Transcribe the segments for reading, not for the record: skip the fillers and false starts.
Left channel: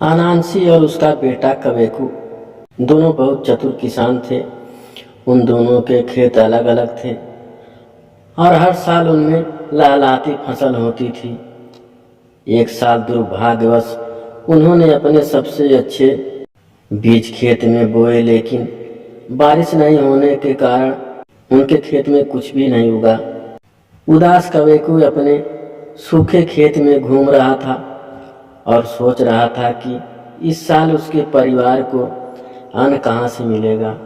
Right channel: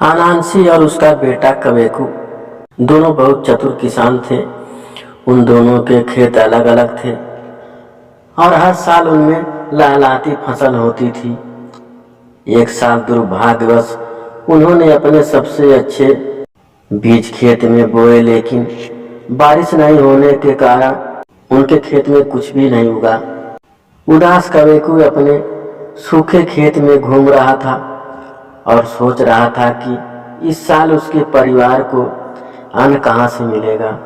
अनांसी और उसका बेटा कवेकू दोनों बहुत चतुर किसान थे। उन दोनों के खेत अलग अलग थे और हर साल उनमें लहलहाती फसल होती थी। एक साल दुर्भाग्यवश उन्होंने अपने सबसे अच्छे बीज खेत में बोए, लेकिन बारिश नहीं होने के कारण उनके खेत में कुछ भी नहीं उगा। उदास कवेकू अपने सूखे खेत में घूम रहा था और सोच रहा था कि इस साल उसके परिवार को अन्न कहाँ से मिलेगा।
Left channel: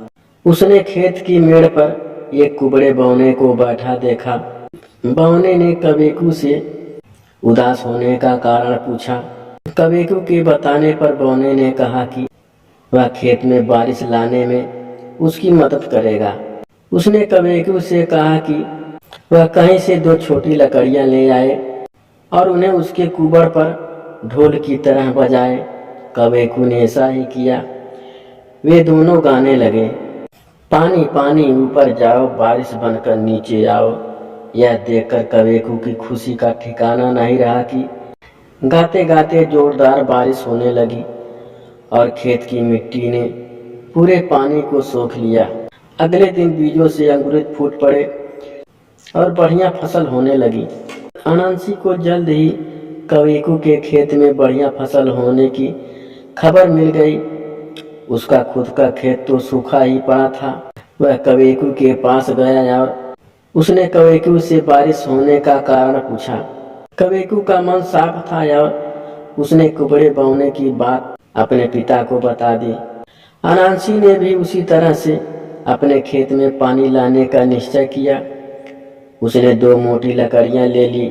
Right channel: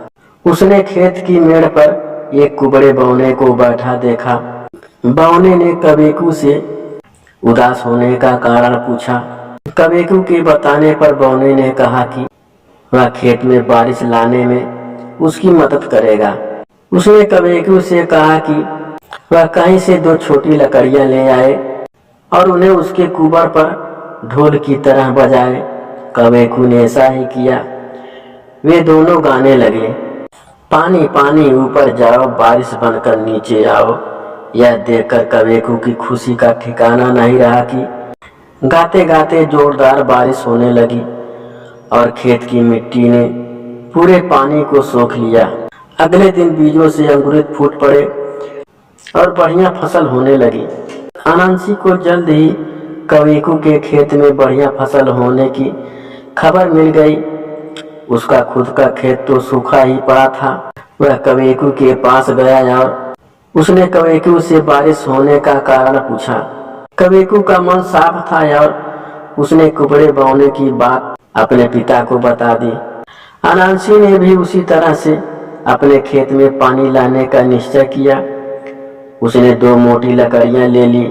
उसने खेत की मेड़ पर एक कुबड़े बौने को बैठा देखा। बौने ने कवेकू से उदास होने का कारण पूछा। कवेकू के बताने पर बौने ने कहा कि वह खेत में बारिश लाने में उसकी मदद करेगा। उसने कवेकू से कहा कि वह कहीं से 2 छोटी लकड़ियां ले आए और उन्हें उसके कुबर पर ढोल की तरह बजाए। कवेकू ने ऐसा ही किया। वे दोनों गाने लगे, पानी पानी ऊपर जाओ, बारिश बनकर नीचे आओ। यह देखकर कवेकू की खुशी का ठिकाना नहीं रहा कि गाते गाते जोरदार बारिश होने लगी और खेत की मिट्टी ने पूरे पानी को सोख लिया। अगले दिन बीजों से अंकुरित फूट पड़े और बढ़िया फसल होने लगी। अनांसी को जल्द ही कवेकू के खेत में बढ़िया फसल होने की खबर मिल गई। उसका खुद का खेत तो सूखा ही पड़ा था। वह कवेकू के पास गया और उसने कवेकू से बारिश होने का कारण पूछा। कवेकू का मन साफ था और उसने कुबड़े बौने की बात अपने पिता को बता दी। अनांसी ने भी उसी तरह से अपने खेत में पानी लाने का निश्चय किया। उसने 2 मोटी लकड़ियां ले ली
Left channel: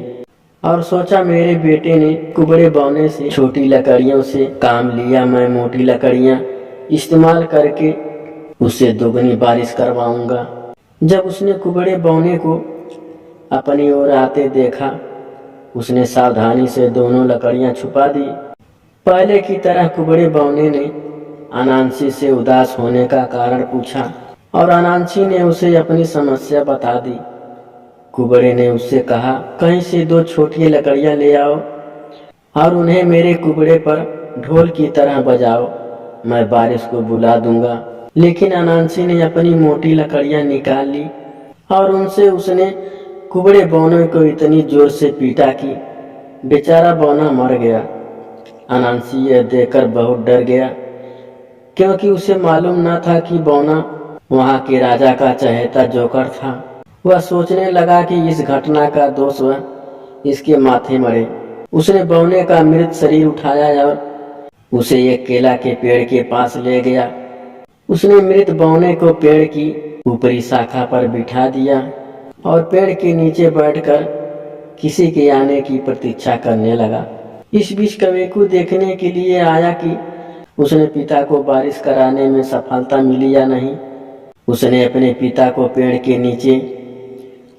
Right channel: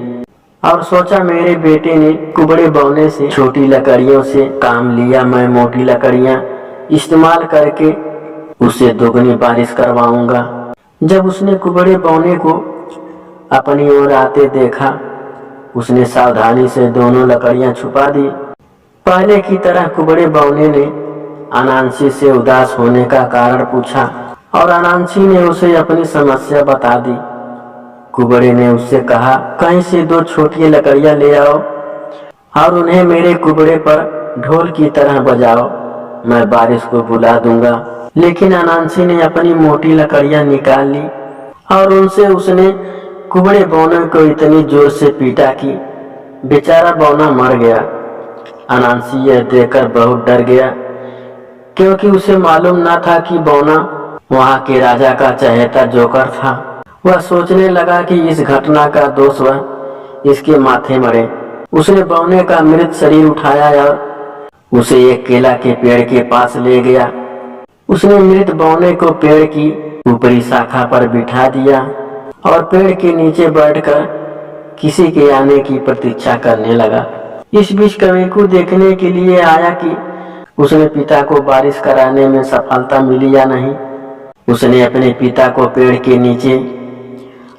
और सोचा, मेरे बेटे ने कुबड़े बौने से छोटी लकड़ियों से काम लिया, मैं मोटी लकड़ियां इस्तेमाल करके उससे दोगुनी बारिश करवाऊंगा। जब उसने कुबड़े बौने को अपनी ओर आते देखा, उसने सावधानी से दोनों लकड़ियां छुपा दी। पहले की तरह कुबड़े बौने ने अनांसी से उदास होने का कारण पूछा और अनांसी ने उसे अपनी समस्या बता दी। कुबड़े ने उससे कहा, कहीं से 2 छोटी लकड़ियां ले आओ और उन्हें मेरे कुबड़े पर ढोल की तरह बजाओ, मैं बारिश को बुला दूंगा। लेकिन अनांसी ने अपनी मोटी लकड़ियां निकाल ली और उनसे उसने कुबड़े बौने को इतनी जोर से पीटा कि बेचारा बौना मर गया। अनांसी यह देखकर बहुत डर गया, क्योंकि उसे मालूम न था कि बौना वहां के राजा का चहेता जोकर था। वह सोचने लगा कि इस घटना का दोष वह इसके माथे मरे। उसने बौने का मृत शरीर उठाया और उसे एक केला के पेड़ के पास ले गया। उसने मृत बौने को पेड़ की ऊपरी शाखा पर बिठा दिया और पेड़ के नीचे बैठकर किसी के आने की प्रतीक्षा करने लगा। इस बीच कवेकू देखने के लिए आया कि उसने पिता को बारिश कराने में सफलता मिली या नहीं। उसने अपने पिता को पेड़ के नीचे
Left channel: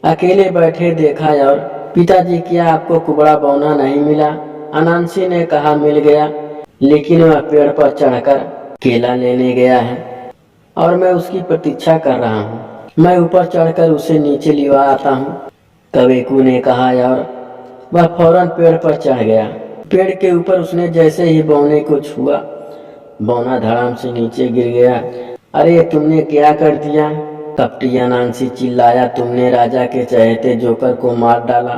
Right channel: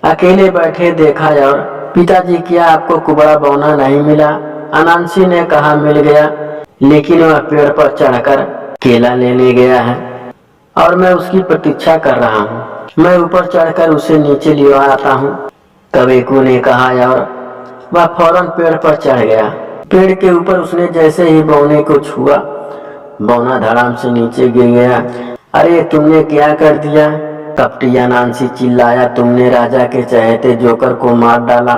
अकेले बैठे देखा और पिताजी, क्या आपको कुबड़ा बौना नहीं मिला? अनांसी ने कहा, मिल गया, लेकिन वह पेड़ पर चढ़कर केला लेने गया है और मैं उसकी प्रतीक्षा कर रहा हूँ। मैं ऊपर चढ़कर उसे नीचे ले आता हूँ, कवेकू ने कहा और वह फौरन पेड़ पर चढ़ गया। पेड़ के ऊपर उसने जैसे ही बौने को छुआ, बौना धड़ाम से नीचे गिर गया। अरे तुमने क्या कर दिया? कपटी अनांसी चिल्लाया, तुमने राजा के चहेते जोकर को मार डाला।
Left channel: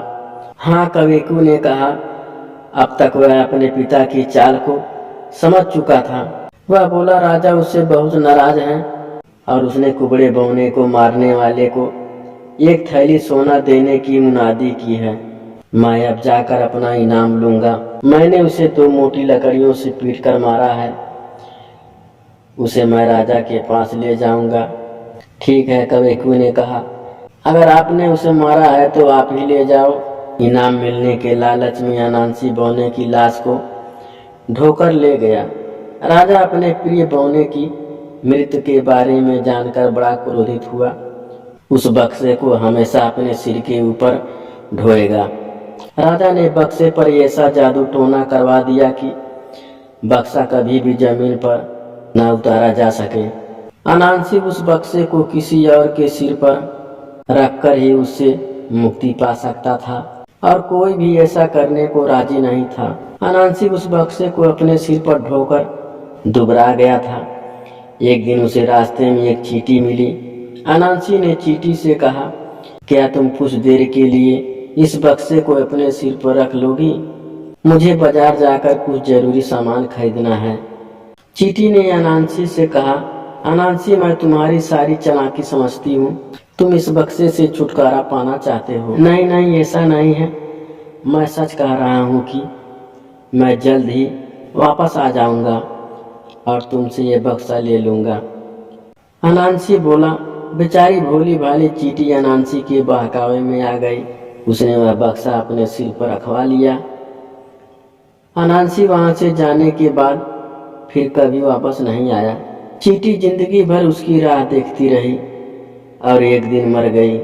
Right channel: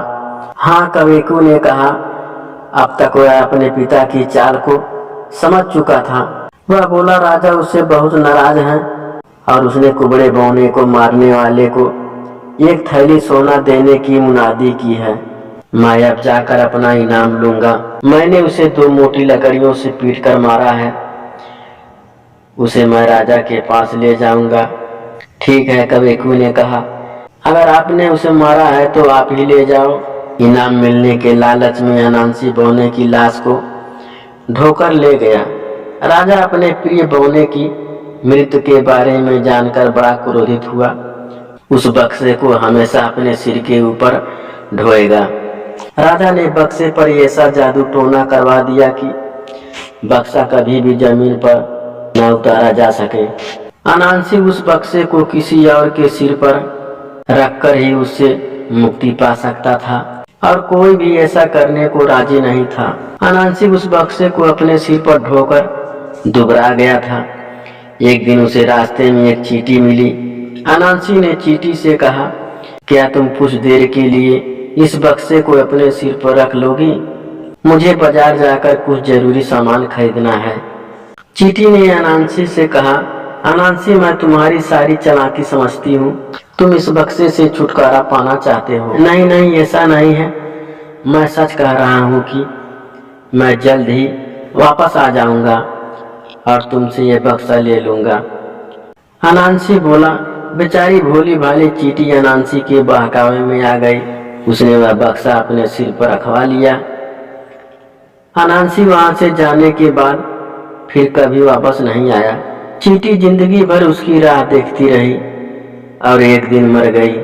हाँ, कवेकू ने कहा। अब तक वह अपने पिता की चाल को समझ चुका था। वह बोला, राजा उससे बहुत नाराज हैं और उसने कुबड़े बौने को मारने वाले को 1 थैली सोना देने की मुनादी की है। मैं अब जाकर अपना इनाम लूंगा। मैंने उसे 2 मोटी लकड़ियों से पीट कर मारा है। उसे मैं राजा के पास ले जाऊंगा। ठीक है, कवेकू ने कहा, अगर आपने उसे मारा है तो आप ही ले जाओ। इनाम मिलने के लालच में अनांसी बौने की लाश को ढोकर ले गया। राजा अपने प्रिय बौने की मृत्यु के बारे में जानकर बड़ा क्रोधित हुआ। उस बक्से को हमेशा अपने सिर के ऊपर ढोएगा। राजा ने बक्से पर ऐसा जादू टोना करवा दिया कि बक्सा कभी भी जमीन पर न उतारा जा सके। अनांसी उस बक्से को किसी और के सिर पर रखकर ही उससे मुक्ति पा सकता था और कोई भी ऐसा करने को राजी नहीं था। अनांसी उस बक्से को अपने सिर पर ढोकर दुबरा गया था। एक दिन उसे रास्ते में एक चींटी मिली। अनांसी ने चींटी से कहा, क्या तुम कुछ देर के लिए इस बक्से को अपने सिर पर रख लोगी? मुझे बाजार जाकर कुछ जरूरी सामान खरीदना है। चींटी ने अनांसी से कहा, अनांसी, मैं तुम्हारी सारी चालाकी समझती हूँ। तुम इस बक्से से छुटकारा पाना चाहते हो। नहीं नहीं, ऐसा नहीं है। मैं सच कह रहा हूँ कि मैं जल्द ही वापस आ जाऊंगा और तुमसे यह बक्सा ले लूंगा। अनांसी बोला। बेचारी भोली भाली चींटी अनांसी के बहकावे में आ गई। उसने वह बक्सा अपने सिर पर रखवा लिया। अनांसी वहां से जाने के बाद फिर कभी वापस नहीं आया। चींटी जिंदगी भर उसकी राह देखती रही और एक दिन मर गई।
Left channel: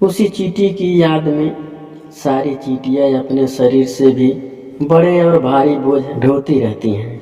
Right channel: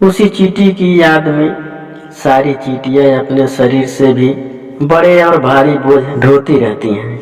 उसी चींटी की याद में सारी चींटियां अपने शरीर से भी बड़े और भारी बोझ ढोती रहती हैं।